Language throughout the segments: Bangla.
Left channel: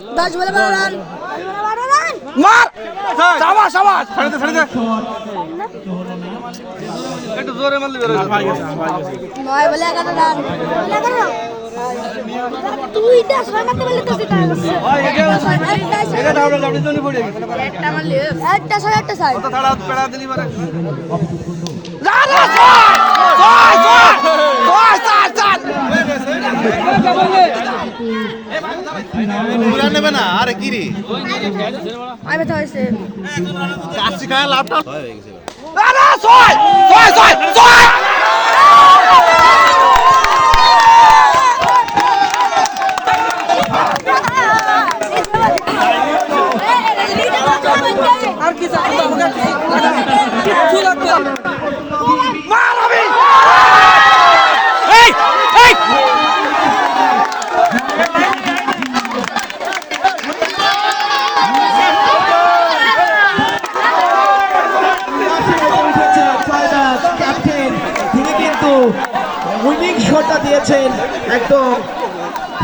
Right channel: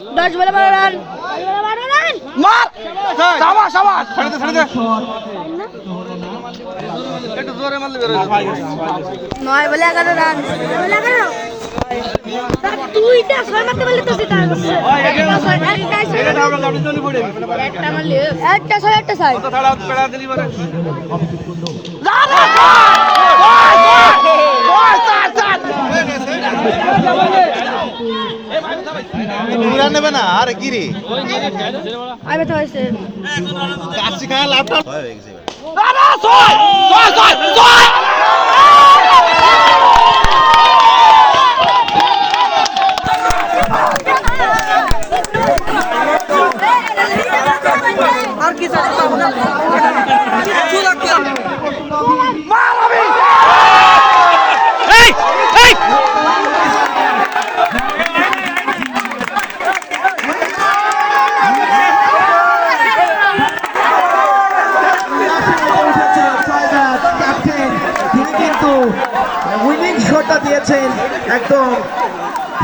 10 বলে 12 রান মার সাবাস সাবাস ছেড়ে দে একটু জোরে মারলে বের হয়ে যাবে 9 বলে 11 রান 9 বলে 11 তুইটা 6 মারতে বললি তো সেটা এটা দাও না আপনি জনি পড়ে একটা মারলি একটা 6 একটা 6 কত তাড়া পেড়া দিলি মারে তুলা নেবে না আরে কি রে আমি তো হইছে কাশি খায় লাভটা হয়ে গেছে না ছয় ছয় ছয় ছয় আর কি এই এই ক্যাপ্টেন তিনি কিন্তু উইনিং শটটা দিয়েছেন একদম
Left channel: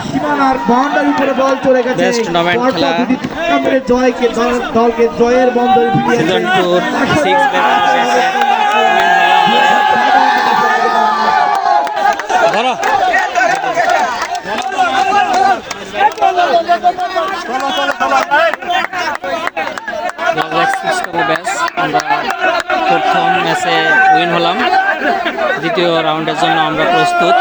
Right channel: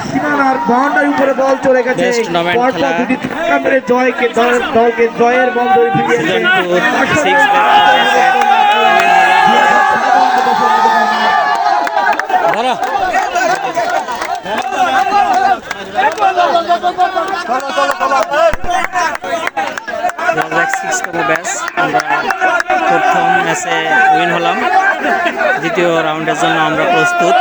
সীমানার বাউন্ডারি উপরে বল চলে গেছে বেস্ট টুর্নামেন্ট খেলা জয়কে দলকে জয়ের বন্ধনে সিজন 2 6 ধরো 6তম ব্যাচ আমরা প্রথম ম্যাচে উইন হলাম দ্বিতীয় রাউন্ডের জন্য আমরা প্রস্তুত